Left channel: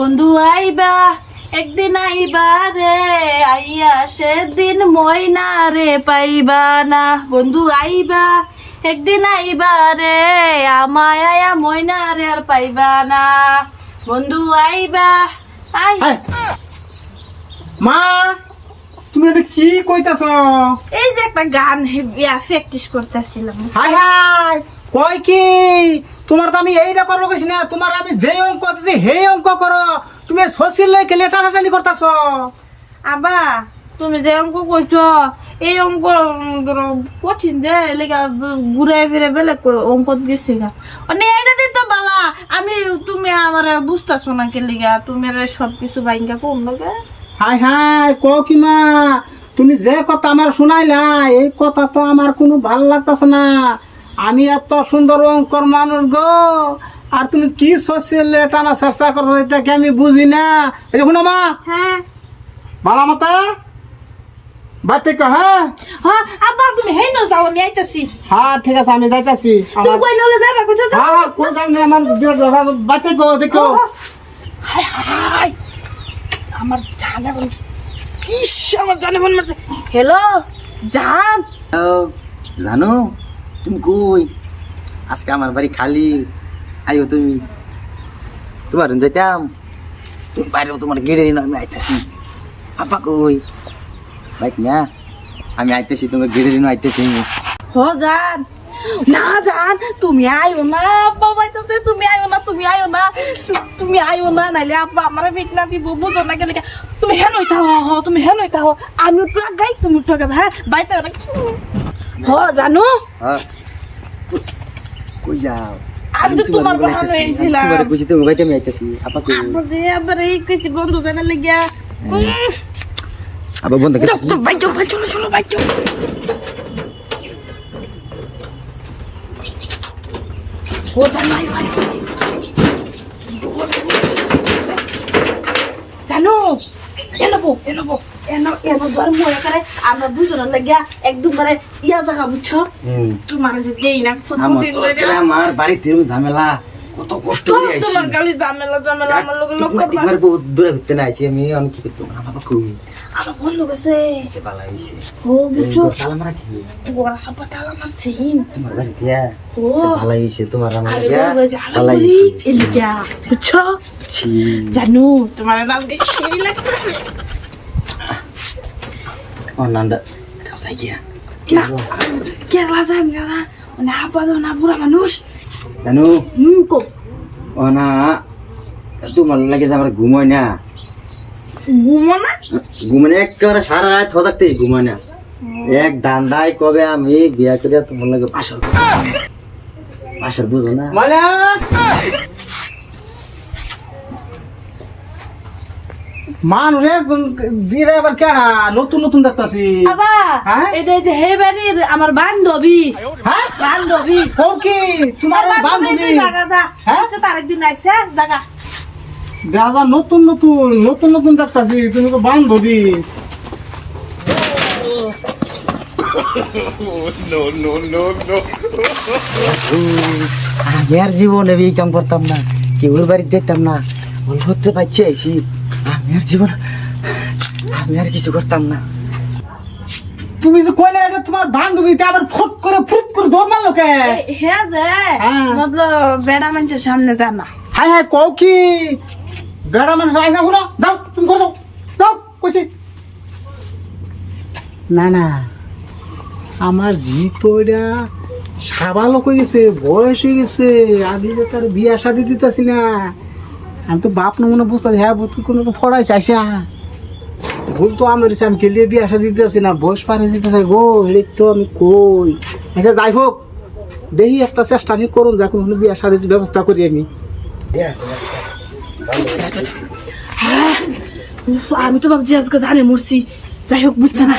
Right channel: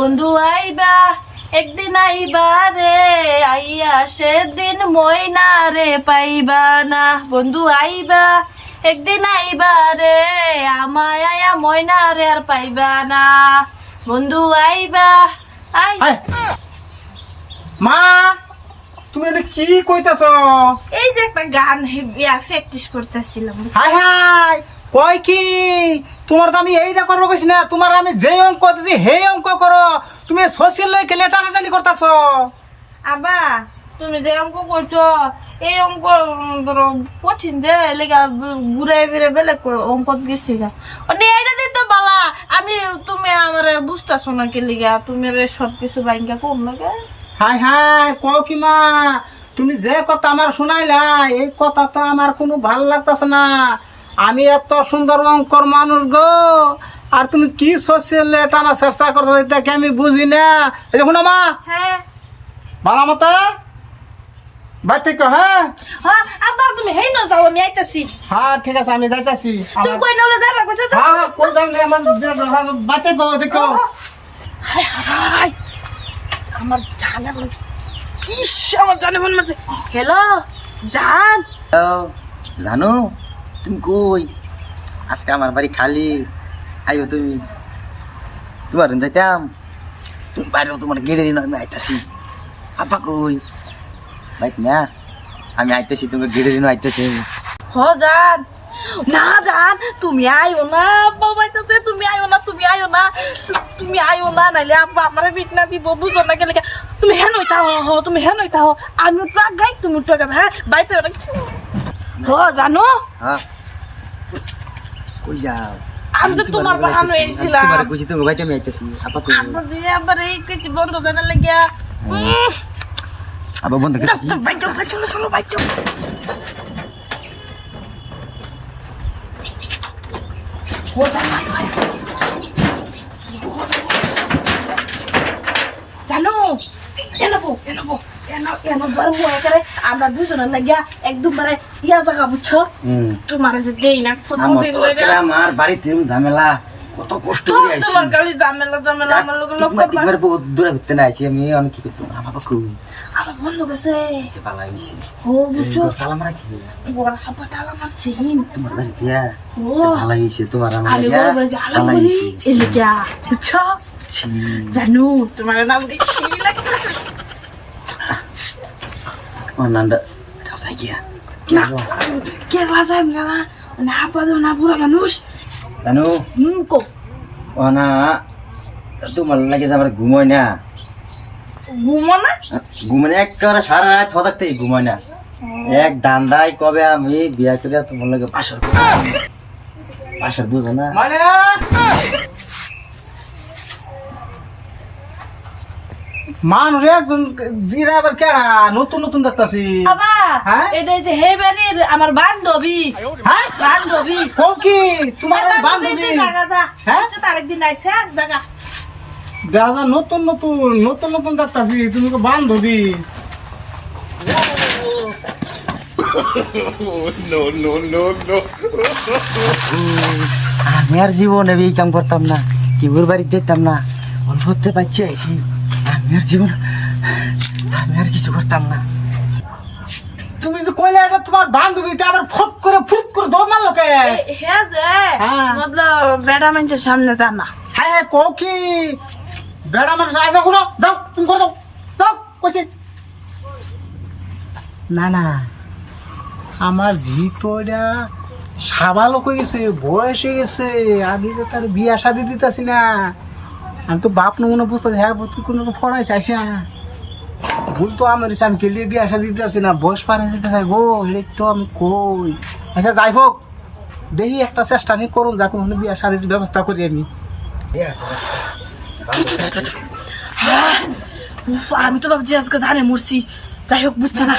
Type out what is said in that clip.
বন্ধু আইবা একদিন আইবা রে, আইয়া সেদিন ময়না রে পাইবা না। বন্ধু আইবা একদিন আইবা রে, আমায় আয়া ময়না রে আর পাইবা না। বন্ধু আইবা আই মা তুমি এটা কি কইতাছ? এই যে একটা গান প্র্যাকটিস করতেছিলাম। হাই হাই কই কি তোমার তো আমি এইটা করবো কইছি না, তোমার আমি যেই অঙ্ক দিছি সেই অঙ্ক করো। তুমি শশীর লই খেলে টানাটানি করতেছ। আবা তুমি যে অঙ্ক করছো এই অঙ্ক কঠিন যে লেগা ঘুরে ফিরে বেলেগ করে অঙ্ক গেছি গা। এটা দিত বালা আমি তুমি আমার বুঝতেছো না কে লিগা তুমি সবকিছু বাইঙ্গা কম লাগে। হাই হাই কও কি মা, তুমি যে কথা আমার শুনাইলা এই কথা তো আমার কোনো ভাল লাগতেছে না। আমি এত সুন্দর অঙ্কর মানুষ গো, আর তুমি কি শশীর টানা চেষ্টা করছো এটাকে আমি বুঝি না। এটা শুনো মা, হ্যাঁ বালা মতো বাতিক হ্যাঁ হ্যাঁ আব্বা তুমি হেই ন যাও আমি আইতাছি। হ্যাঁ ঠিক আছে আমি যাইতাছি। তুমি কই নলে যাবা কইছো তো? হ্যাঁ কোন যাবে আমার বাতিক গো দেখো। হাই হাই আমার জানে বল, ইস আমার জানে মন মারছে। হ্যালো জান। জানো তুমি কই? আজকে আমার বাড়ি খালি, আইও তুমি। তোমার যাইতাম, তুমি বাইরেও তোমার গেড়ে আমি আইতাছি। আপা কই? বাইক না, আমি আইতেছি, তোমার গেড়ে আইতেছি। हो जान ना जान तुम्ही आयो ना बाबा कसे तुम्ही आयो ना तुम्ही आयो ना तुम्ही आयो ना नाहीले आप आम्हाला भेटणार ती बोबू जोडा गेले का तुम्ही हे नव्हता हो तुम्ही हे नव्हता हो आम्ही ट्रक गाई तुम्ही ट्रक हा बाय तर हो জানো হ্যাঁ কই যাও? আমি তো তোমার বাহানো এসেছিলাম। তোমার কইছি তোমার বাইতে আমি আইতেছি। আপা কই? আপনি যে আবার এই কিছু বন্ধ জানা লাগিয়া আবার বন্ধ করে তো ভাই চলো চলো ভাই চলো हो जान भाई भाई জানো এনো বার মনে করে আমরা দুজনের লাগিয়া একদম মানে ইয়া জায়গা বুঝছো তোমার যে দেই না প্রতিদিন আমার বাড়িতে ঝামেলা, কত কষ্ট করে আইছি। তোমার খালি ঝামেলা আমার লোক একবার বহুত দূরে ঘুরতে না আইছি আমি। অনেক কি করতে আমার বাবা কই আমার বন্ধ গেছে যে বালা হইছে। ও বুঝছো তালা মারা কি বড় হাবা তালা মারছে হিম তোমার বাড়ি দিয়া ও ভালো হইছে, তোমার আমার আরে দিয়া বড় যে ভালো হালা হইছে। এলিগা বুঝছো ছি জানো তোমার নাম দেখে সেই লাগতেছে ও নান্ডা তাও যাই গিয়া না কেরলা যাই না মানে হাবা দাও না বুড়া মানুষ জানো কো ও না তোমার লাগে যে আমার ঘুমোয় না, ঘুমো না ঘুমানে একেবারে সারা রাত থাকতে ঘুমায় না। এক দান্দাই কবে আমি বিয়া করিয়া তোমার লাগে বাসর বুঝো না। মানে মানুষ একজন দিয়ে আবার কেনা নতুন নতুন দেখতেছি। আবা হ্যাঁ? এটা যে হে বাড়ির আমার বান্ধবী হ্যাঁ বান্ধবী কও কি তোমার বান্ধবী? জায়গা যা হ্যাঁ? তার একদিন আইসা জায়গা দাদা নতুন নতুন দেখতেছি, তুমি তো বান্ধবী। আমি আর জীবনে এই কাম করতাম না, কেউর বাড়ি দেখতাম না, অল্প হতে পারছি আইছি। আমি আর কিছু করতাম না। তুমি যে কইলে এটা তোমার বান্ধবী, তা আবার ফুট করে দৌড় মারলো কে? হে যে হ্যাঁ। মতলব বেড়া মানুষের সামনে জানা হাই হাই কও কি বেড়া মানুষ আইসা শুনো, যাও তুমি করে যাও কইছি না না। আমার জিপটা সাবালক হয়ে গেছে, বয়স হয়ে গেছে, আমি তো তার বিয়া শাদি দিতেছি না। আমি তো বাপ নমুনা বুঝতেছি, হ্যাঁ বুঝতে কোনো ফড়াই চাইছি না। ভুল তো আমার হয়েছে, আমি কেলিয়ে বিয়া শাদি দিতেছি না, বয়স পার হয়ে যেতেছে গো, এই তো আমি কই। আচ্ছা যাই হোক, দেখি একটা চেষ্টা নিয়ে করুন, যা কোনো বিয়া শাদির ব্যবস্থা করি আমি। আমি তো ভাবছি আজকে জানে মরছি, যাই হোক বুঝছে না।